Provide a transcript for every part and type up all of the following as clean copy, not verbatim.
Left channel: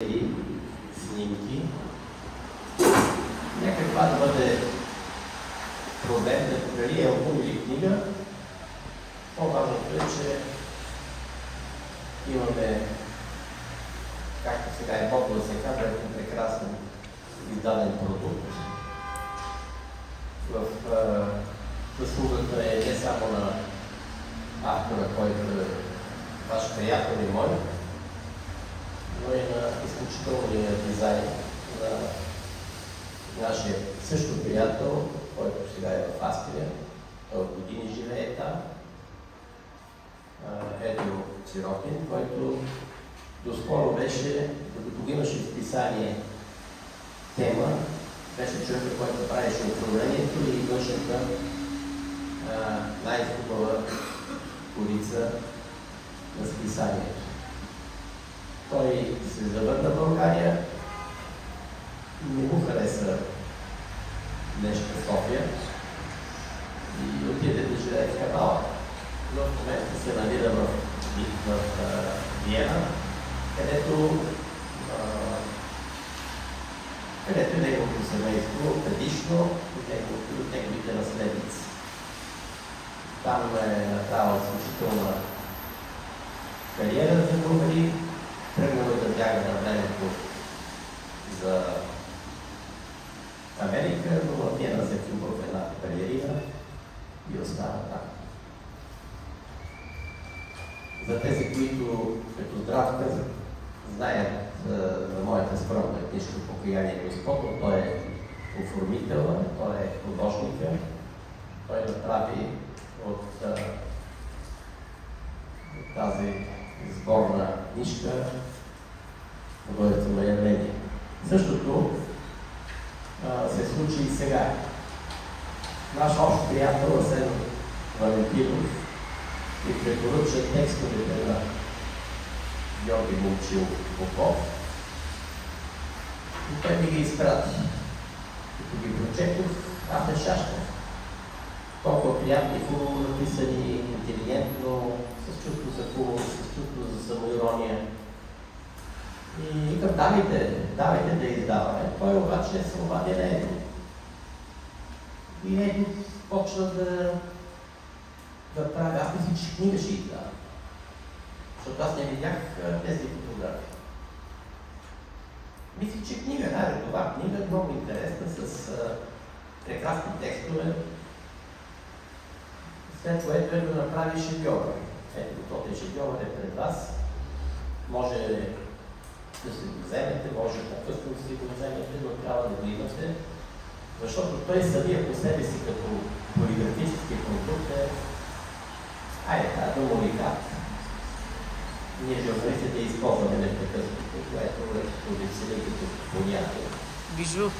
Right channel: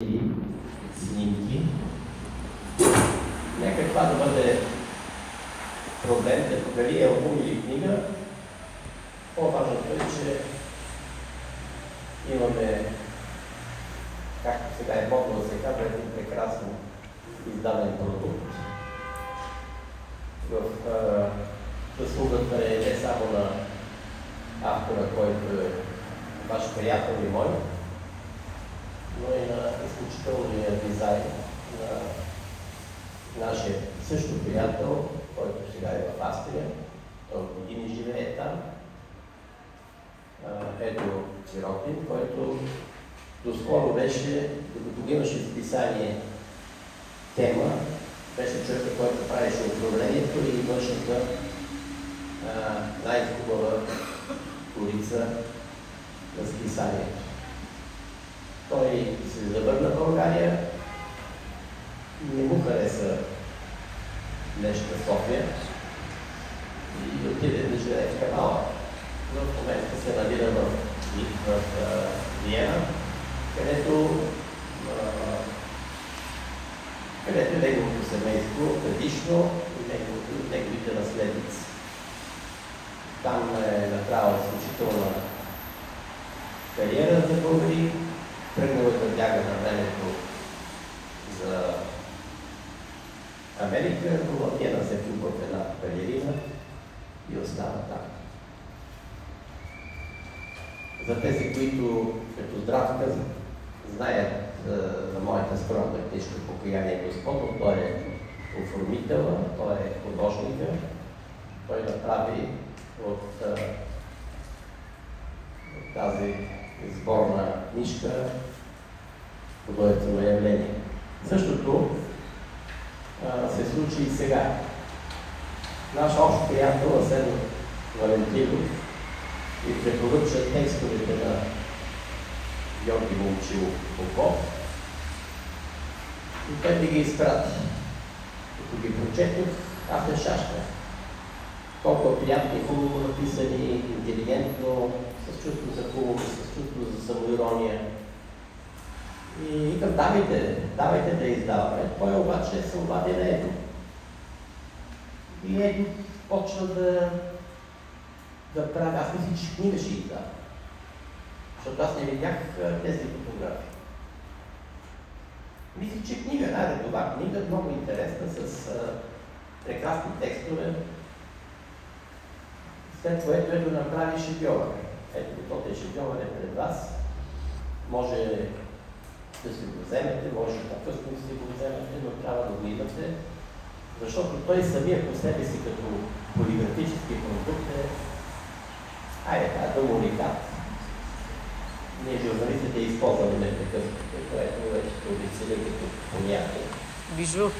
снимки. Нека това да бъде проблем, да дали е албум или книга. По-важното е, че имаме, както сега е модно да се казва, един прекрасно издаден продукт. В заслугата е не само на автора, който е ваш приятел и мой, но и на изключителния дизайн на нашия също приятел, който сега е в Австрия. Той от години живее там. Ето Сиротин, който доскоро беше, докато го имаше в писание тема, беше човекът, който правеше управлението и външната най-хубава корица в писанието. Той се завърна в България, не му хареса днешна София и отиде да живее в Камала. В момента се намира в Виена, където неговото семейство предишно и неговите наследници. Там е направил изключителна кариера за българи, тръгнал да бяга на времето за Америка, но в Виена се влюбва в една балерина и остава там. За тези, които като здравка знаят за моята скромна книжка "Покаяние Господ", той е оформител, той е художник, той направи от тази сборна книжка художествено явление. Същото се случи и сега. Наш общ приятел Асен Валентинов и препоръча текстовете на Георги Момчилов Попов и той ми ги изпрати. Като ги прочетох, аз не шашках. Толкова приятно и хубаво написани, интелигентно, с чувство за хубаво, с чувство за самоирония. И викам, давайте да издаваме. Той обаче се обади на Едо. И Едо почва да прави. Аз мисля, че книга ще издава. Защото аз не видях тези фотографии. Мисля, че книга, редова книга, много интересна, с прекрасни текстове, след което е да направи шедьовър. Ето, този шедьовър е пред вас. Може да си го вземете, може да късно си го вземете, но трябва да го имате, защото той самия по себе си като полиграфически продукт е домовикат. Ние журналистите използваме непрекъснато, което е позициони като понятие. Бижу.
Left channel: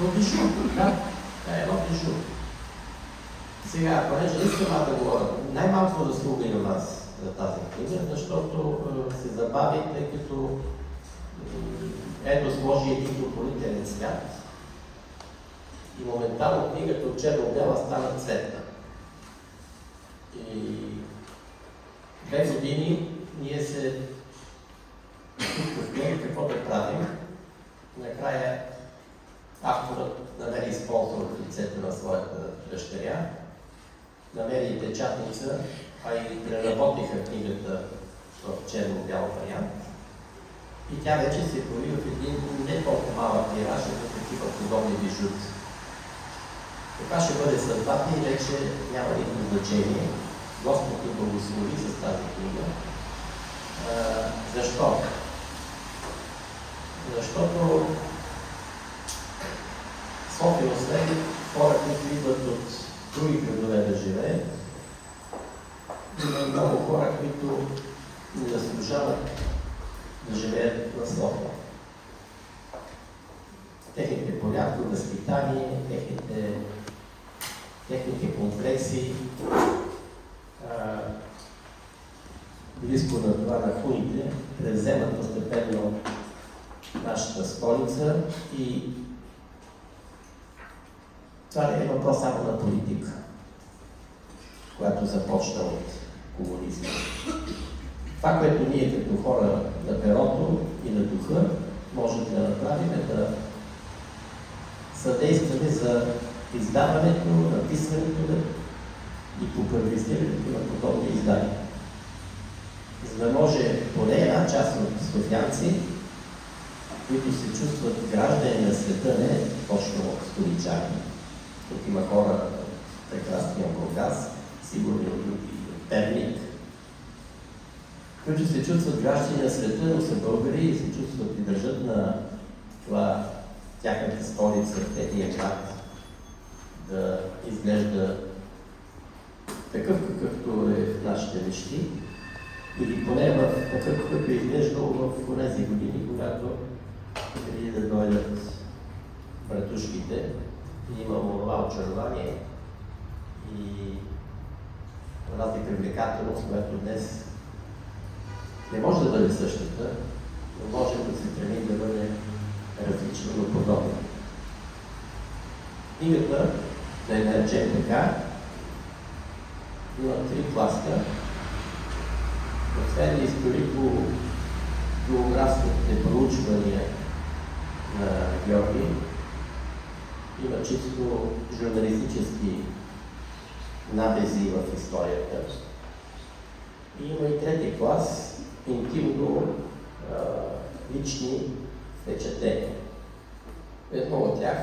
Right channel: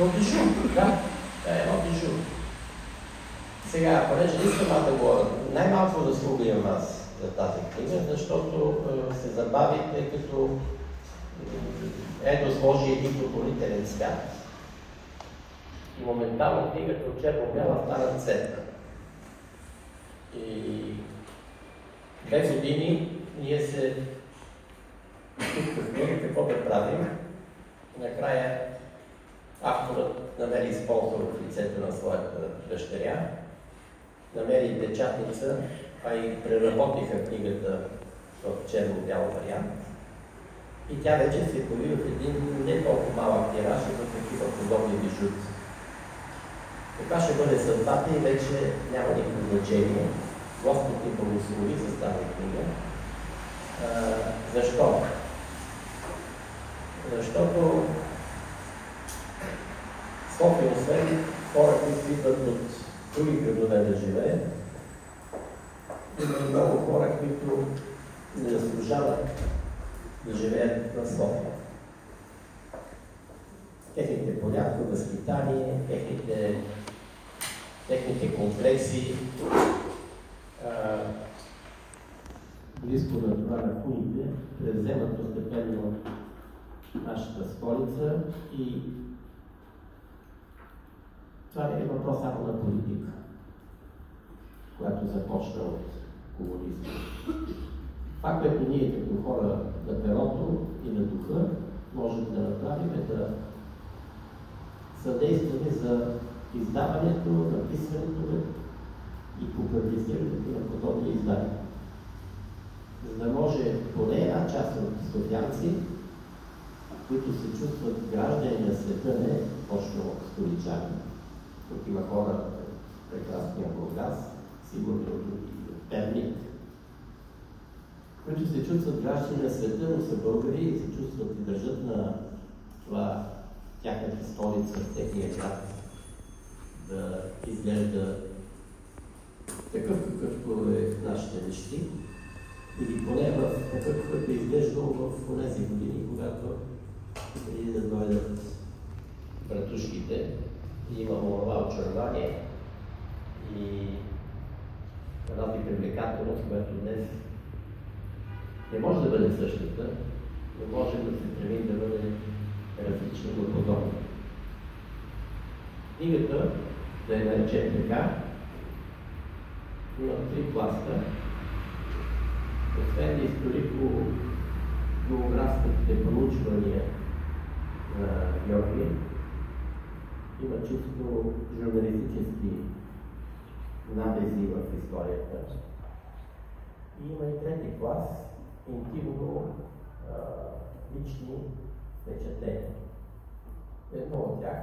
Но бижу, да. Това е едно бижу. Сега, понеже искам да говоря, най-малко заслуга имам аз за тази книга, защото се забави, тъй като Едо сложи един допълнителен свят и моментално книгата от черно-бяла стана цветна. И 2 години ние се чувствахме какво да правим. Накрая авторът намери спонсор в лицето на своята дъщеря, намери печатница, а и преработиха книгата в черно-бял вариант. И тя вече се появи в един не толкова малък тираж, за такива подобни бижути. Така ще бъде съдбата и вече няма никакво значение. Господ ни благослови с тази книга. Защо? Защото София, освен хора, които идват от други градове да живеят, има много хора, които не заслужават да живеят на София. Техните понятно възпитание, техните комплекси, близко на това на хуните, превземат постепенно нашата столица и това не е въпрос само на политика, която започна от комунизма. Това, което ние като хора на перото и на духа можем да направим, е да съдействаме за издаването, написването и популяризирането на подобни издания. За да може поне една част от софиянци, които се чувстват граждани на света, не точно столичани. Тук има хора в прекрасния Бургас, сигурно от други, от Перник, които се чувстват граждани на света, но са българи и се чувстват и държат на това тяхната столица, техния град да изглежда такъв, какъвто е в нашите мечти, или поне в такъв, какъвто е изглеждал в тези години, когато преди да дойдат братушките, имало това очарование и тази привлекателност, която днес не може да бъде същата, но може да се стремим да бъде различна, но подобна. Книгата, да я наречем така, има 3 пласта. Освен историко-географските проучвания на Георги, има чисто журналистически набези в историята. И има и 3 клас, интимно лични впечатления. Едно от тях,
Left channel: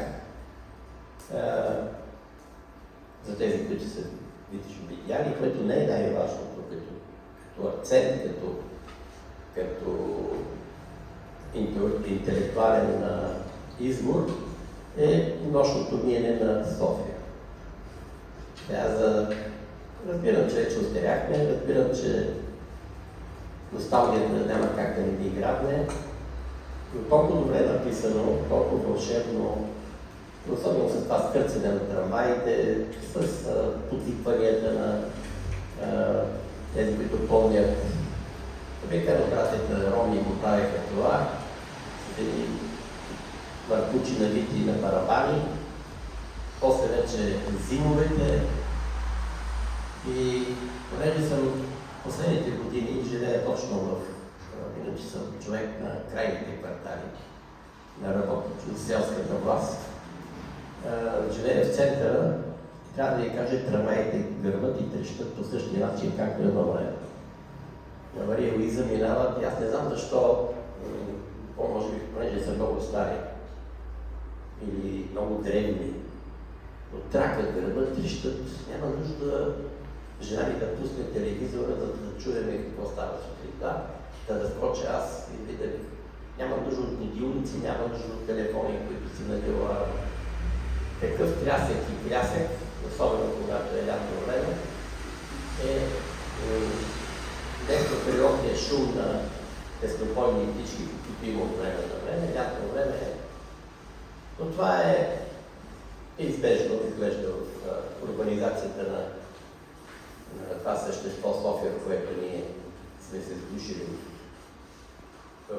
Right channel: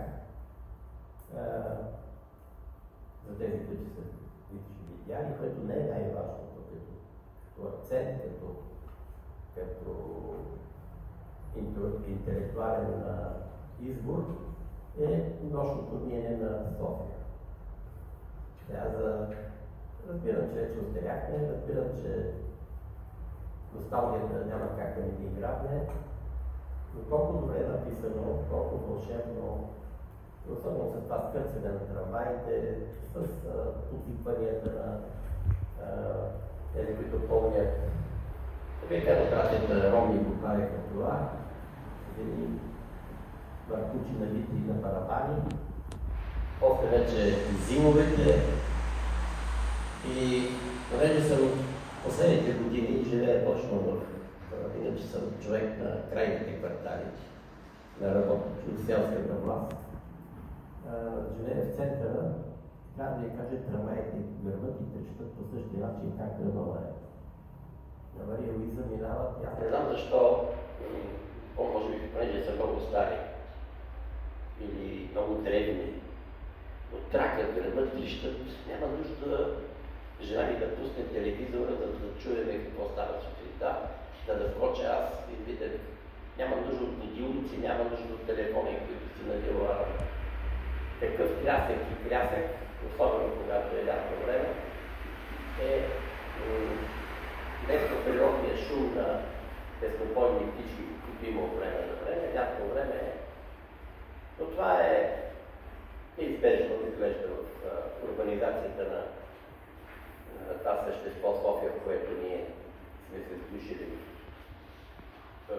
за тези, които са видяли, което не е най-важното, като акцент, като интелектуален избор, е нощното миене на София. Разбирам, че вече остаряхме, разбирам, че носталгията няма как да не ви играбне, но толкова добре написано, толкова вълшебно, особено с това скърцане на трамваите, с подвикванията на тези, които помнят. Века братята Роми го правиха това, с едни маркучи навити на барабани, после вече зимовете. И понеже съм последните години живея точно иначе съм човек на крайните квартали, на работници от селската власт. Живея в центъра, трябва да ви кажа, трамваите гърмат и трещат по същия начин, както е на време. На Мария Луиза минават и аз не знам защо, може би, понеже са много стари или много древни, но тракът, гърмат, трещат, няма нужда жена ми да пусне телевизора, за да чуем какво става сутринта, да скоча аз и видя. Няма нужда от будилници, няма нужда от телефони, които си надела. Такъв трясък, особено когато е лятно време, е вместо периодния шум на теснопойни птички, които има от време на време, лятно време е. Но това е избежно, изглежда в урбанизацията на това същество София, в което ние сме се сдушили в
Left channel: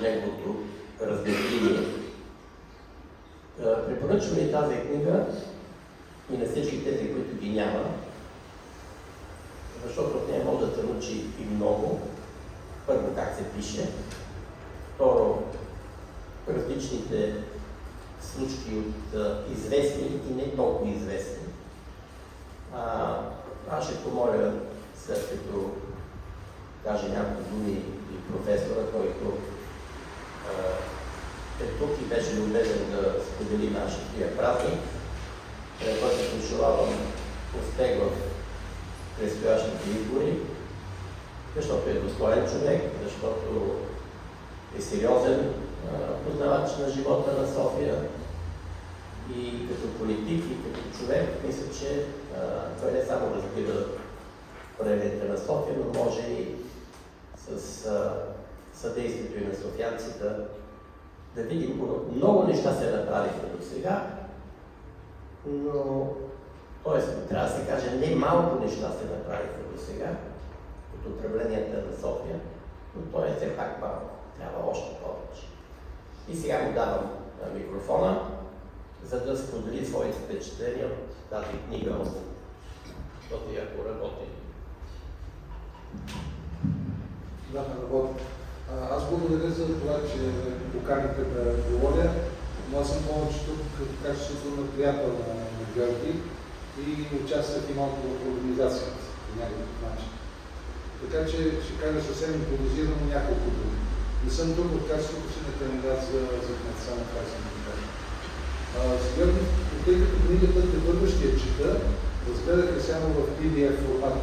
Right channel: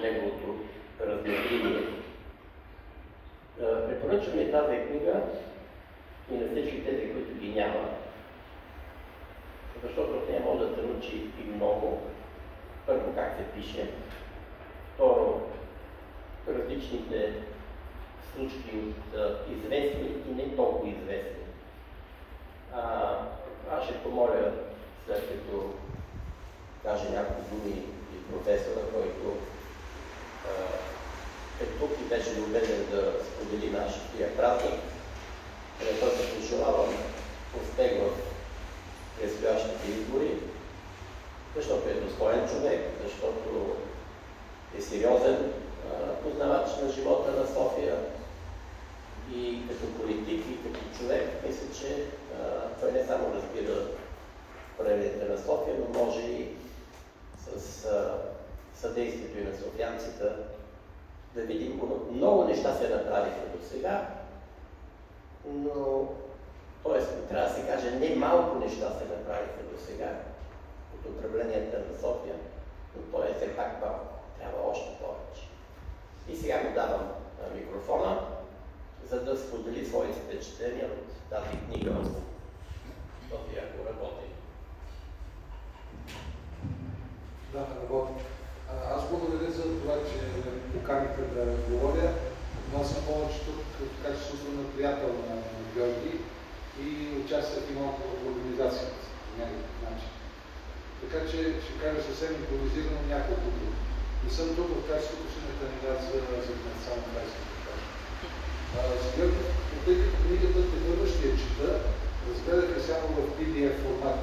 неговото разделение. Препоръчвам и тази книга и на всички тези, които ги няма, защото от нея може да се научи и много. Първо, как се пише. Второ, различните случки от известни и не толкова известни. Аз ще помоля, след като каже няколко думи и професора, който е тук и беше любезен да сподели нашия празник, който се пожелавам успех в предстоящите избори, защото е достоен човек, защото е сериозен познавач на живота на София и като политик и като човек, мисля, че той не само разбира проявленията на София, но може и с съдействието и на софиянците да видим, много неща се направиха до сега, но т.е. трябва да се каже, не малко неща се направиха до сега от управленията на София, но то е все пак малко, трябва още повече. И сега му давам микрофона, за да сподели своите впечатления от тази книга, защото ако работи Да, ме работя. Аз благодаря за това, че поканихте да говоря, но аз съм повече тук като качеството на приятел на Георги и участвах и малко в организацията по някакъв начин. Така че ще кажа съвсем импровизирано няколко думи. Не съм тук в качеството си на кандидат за кмет, само така съм да кажа. Тъй като книгата тепърва ще я чета, разгледах я само в PDF формат,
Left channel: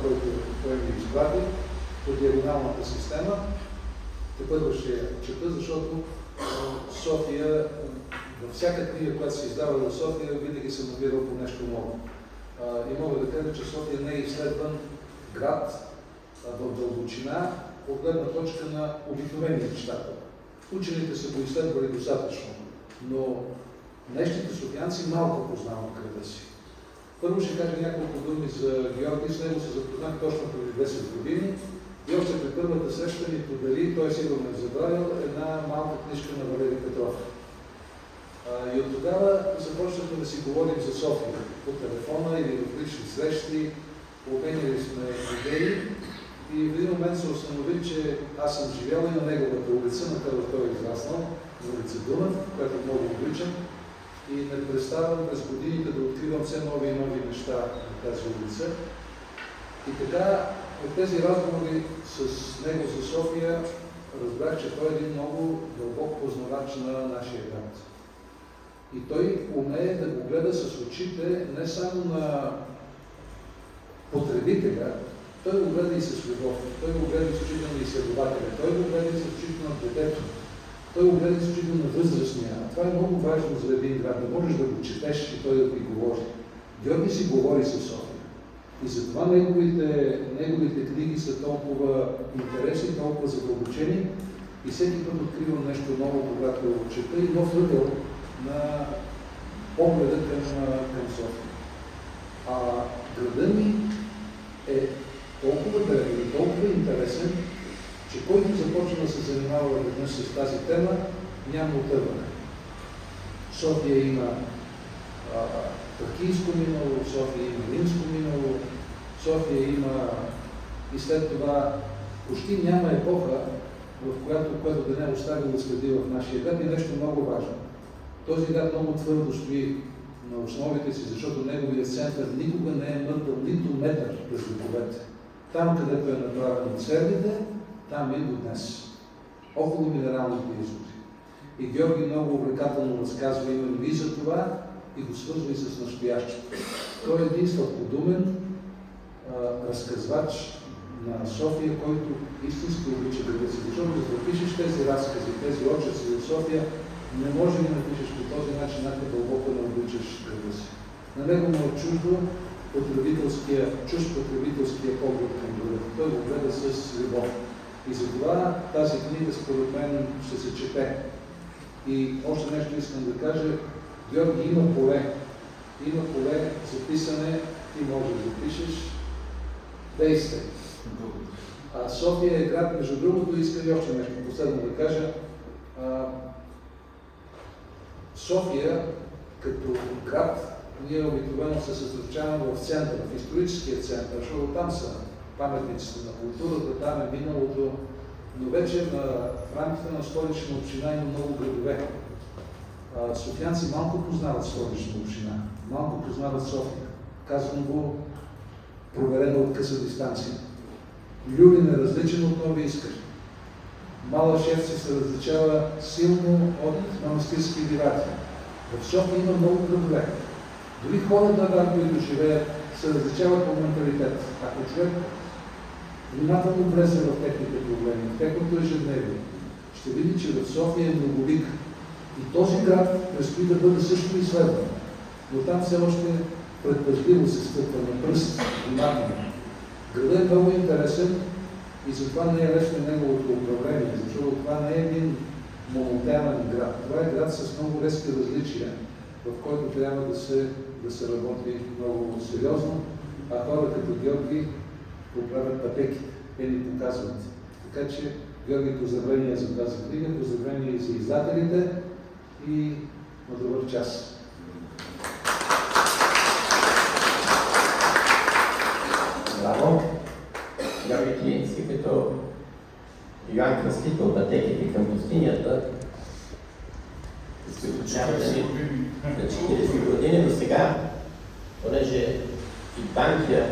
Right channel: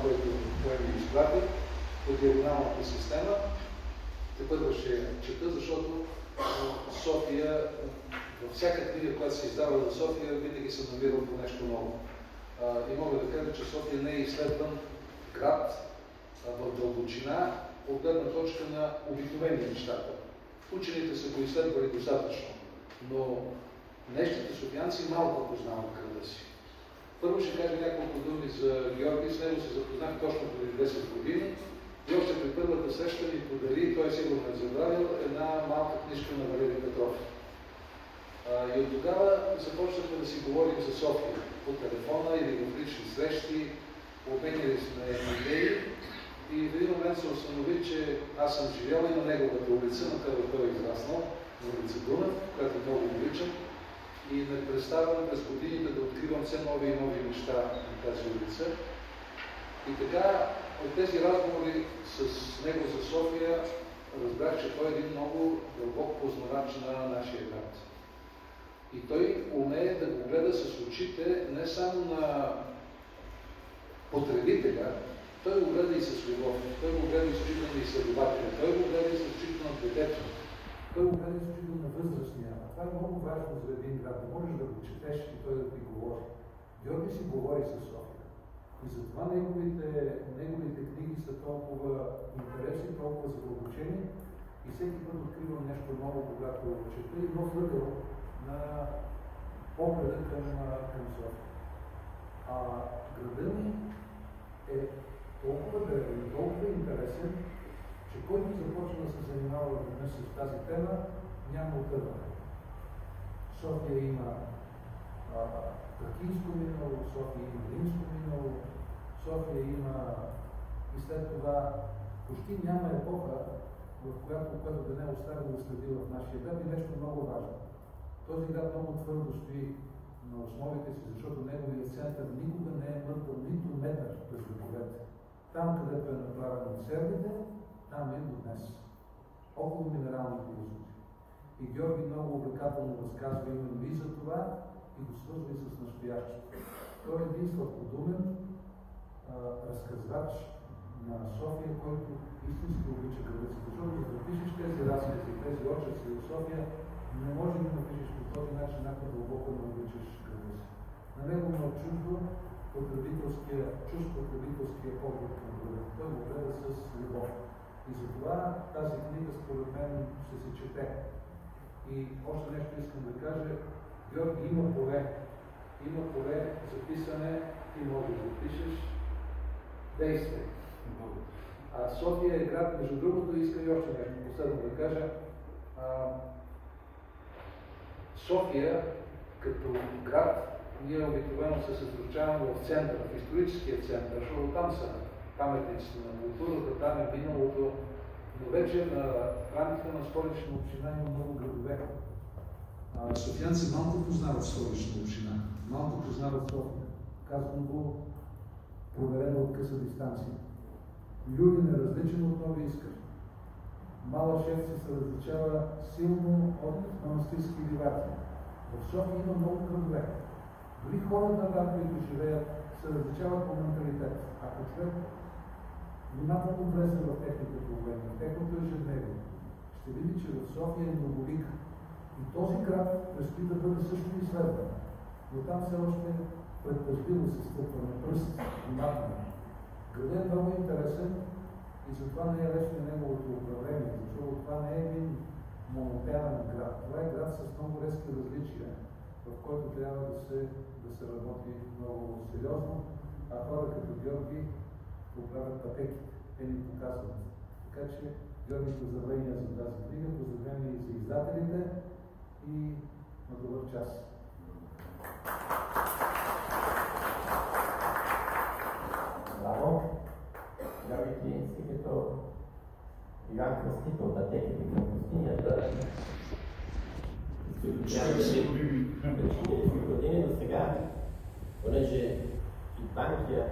който ми изпратих по диагоналната система. Тепърва ще я чета, защото София, във всяка книга, която се издава за София, винаги съм намирал по нещо ново. И мога да кажа, че София не е изследван град в дълбочина, от гледна точка на обикновения читател. Учените са го изследвали достатъчно, но днешните софиянци малко познават града си. Първо ще кажа няколко думи за Георги, с него се запознах точно преди 10 години и още при първата среща ми подари, той сигурно е забравил, една малка книжка на Валерий Петров. И от тогава започнахме да си говорим за София по телефона или в лични срещи, обменяли сме идеи и в един момент се установи, че аз съм живял и на неговата улица, на където той е израснал, на улица Дунав, която много обичам, и ме представям през годините да откривам все нови и нови неща на тази улица. И така, от тези разговори с него за София, разбрах, че той е един много дълбок познавач на нашия град. И той умее да го гледа с очите не само на потребителя, той го гледа и с любов, той го гледа и с очите на изследователя, той го гледа и с очите на детето, той го гледа и с очите на възрастния. Това е много важно за един град. Не можеш да го четеш и той да ти говори. Георги си говори със София. И затова неговите книги са толкова интересни, толкова задълбочени и всеки път откривам нещо ново, когато го чета и нов ъгъл на погледа към София. Градът ми е толкова древен и толкова интересен, че който започва да се занимава веднъж с тази тема, няма отърване. София има тракийско минало, София има римско минало, София има и след това почти няма епоха, в която да не е оставило следи в нашия град и нещо много важно. Този град много твърдо стои на основите си, защото неговият център никога не е мъртъл нито метър през вековете. Там, където е направено церквите, там е до днес. Около минералните извори. И Георги много увлекателно разказва именно и за това и го свързва и с настоящето. Той е един сладкодумен разказвач на София, който истински обича града си. Защото да запишеш тези разкази, тези очерци за София, не може да напишеш по този начин, ако дълбоко не обичаш града си. На него му е чужд потребителския поглед към града. Той го гледа с любов. И затова тази книга според мен ще се чете. И още нещо искам да кажа. Георги, има поле. Има поле за писане, ти можеш да запишеш. Действай. София е град, между другото, искам и още нещо последно да кажа. София, като град, ние обикновено се съсредоточаваме в центъра, в историческия център, защото там са паметниците на културата, там е миналото, но вече в рамките на Столична община има много градове. Софиянци малко познават Столична община, малко познават София. Казвам го проверено от къса дистанция. Люлин е различен от Нови Искър. Мала Шефчик се различава силно от манастирски ливати. В София има много градове. Дори хората, които живеят, се различават по менталитет. Ако човек внимателно влезе в техните проблеми, в техното ежедневие, ще види, че в София е многолик. И този град предстои да бъде също изследван. Но там все още предпазливо се стъпва на пръст, внимателно. Градът е много интересен и затова не е лесно неговото управление, защото това не е един монотемен град. Това е град с много резки различия, в който трябва да се работи много сериозно, а хора като Георги поправят пътеките, те ни показват. Така че, Георги, поздравления за тази книга, поздравления и за издателите и на добър час. Браво! Георги Клинци. Йоан Кръстител, пътеките към пустинята, като 40 години до сега, понеже и Банкя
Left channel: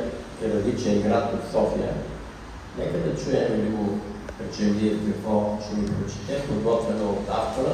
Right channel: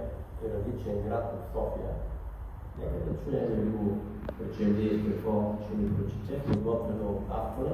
е различен град от София, нека да чуем Любо Пречемвир какво ще ни прочете, подготвено от автора.